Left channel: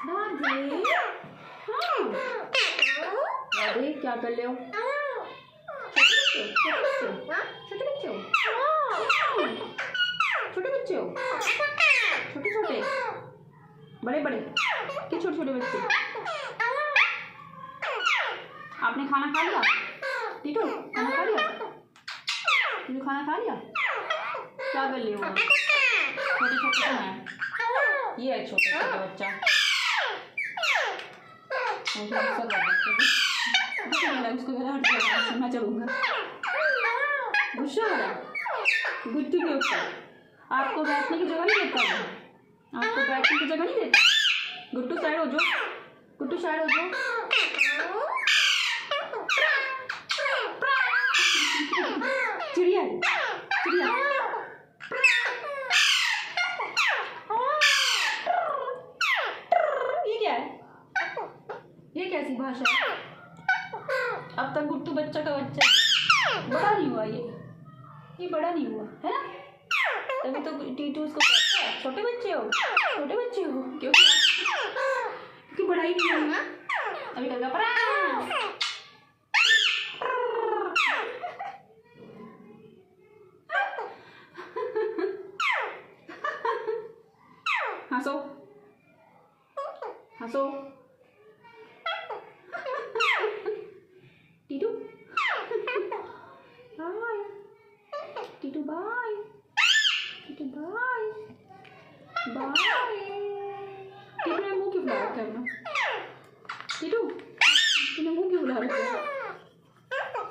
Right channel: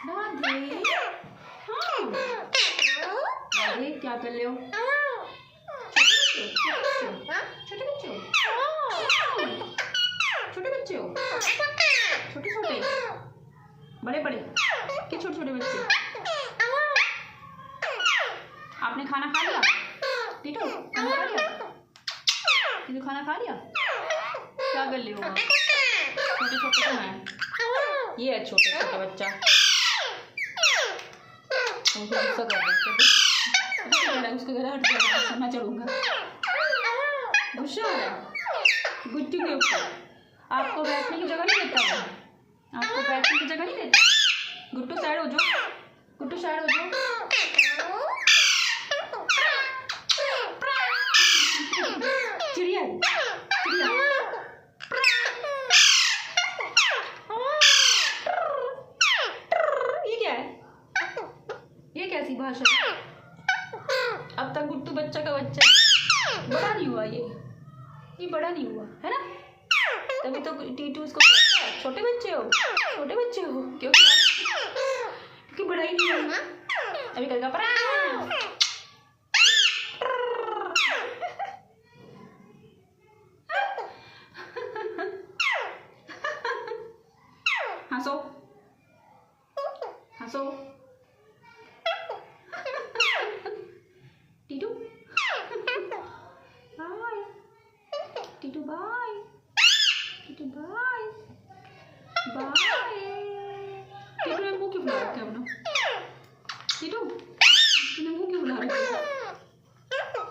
राधे, हाँ राधे क्या कर रहे हो? छोटे बच्चे हो, छोटे बच्चे हो, छोटे छोटे, बड़े बड़े, क्या छोटे छोटे बच्चे? आपने खाना खा लिया? टीटू खाना खा लिया? टीटू खाना खा लिया? क्या कर रहे हो? छोटे छोटे तो हैं, ये है छोटा छोटा बच्चा। मुझे गुस्सा कर रहा है, उसको जरा हट जाएगा, मैं चलूँगा। गुस्सा हो रहा है गुट्टू के ऊपर। आपको बैठने की जगह नहीं देता वो, आपको बैठने की जगह नहीं देता। गुट्टू साइड हो जाओ, गुट्टू साइड हो जाओ। चिड़िया चिड़िया, ये क्या है? ये कैसी भाषा है? अब तक गुट्टू बच्चा का बच्चा बड़ा नहीं हुआ, ये बड़ा नहीं हुआ है ना, तभी तो टीटू उसको कहता है छोटे बच्चे हो, छोटे बच्चे हो, क्योंकि बड़ा ही नहीं हुआ। अभी कल का हंसो हंसो Titu, bye Titu, bye Titu, bye bye. Titu ने मुंह क्यों फुला रखा है अपना? टीटू